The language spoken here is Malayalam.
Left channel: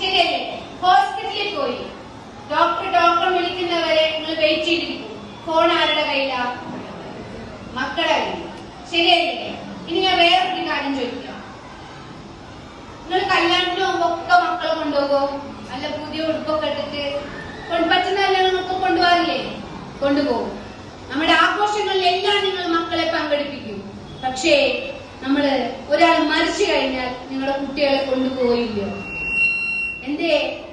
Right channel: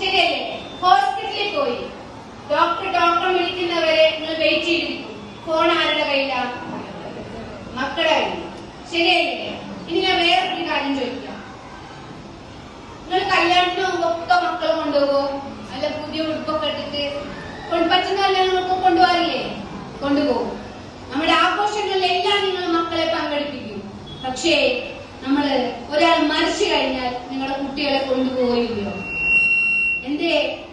ശരിയല്ലേ ഹോസ്പിറ്റലിൽ പോയി. ഡോക്ടർ ഡോക്ടർ വിളിക്കുന്നവരെ നിങ്ങൾ വെയിറ്റ് ചെയ്തിരിക്കും. ഫോൺ ആരുടെ കയ്യിലാ? മക്കളുടെ കയ്യിൽ ശരിയല്ലേ ഇനി ഞാൻ വേറൊരു കാര്യം ചോദിക്കാം. നിങ്ങൾ കല്യാണത്തിന് ഒക്കെ മക്കൾ കൊണ്ടുപോകോ അല്ല പുതിയ ഉടുപ്പൊക്കെ എടുത്തിട്ട്? പറ്റുന്നല്ല നമുക്ക് കൊണ്ടുപോകാറില്ലേ കൊണ്ടുപോകും. നമ്മുടെ ആഘോഷങ്ങളിലെല്ലാം നിങ്ങൾ മക്കളെ പങ്കെടുപ്പിക്കും. പക്ഷേ നമ്മൾ ഒരാൾ മരിച്ചു കഴിഞ്ഞാൽ And.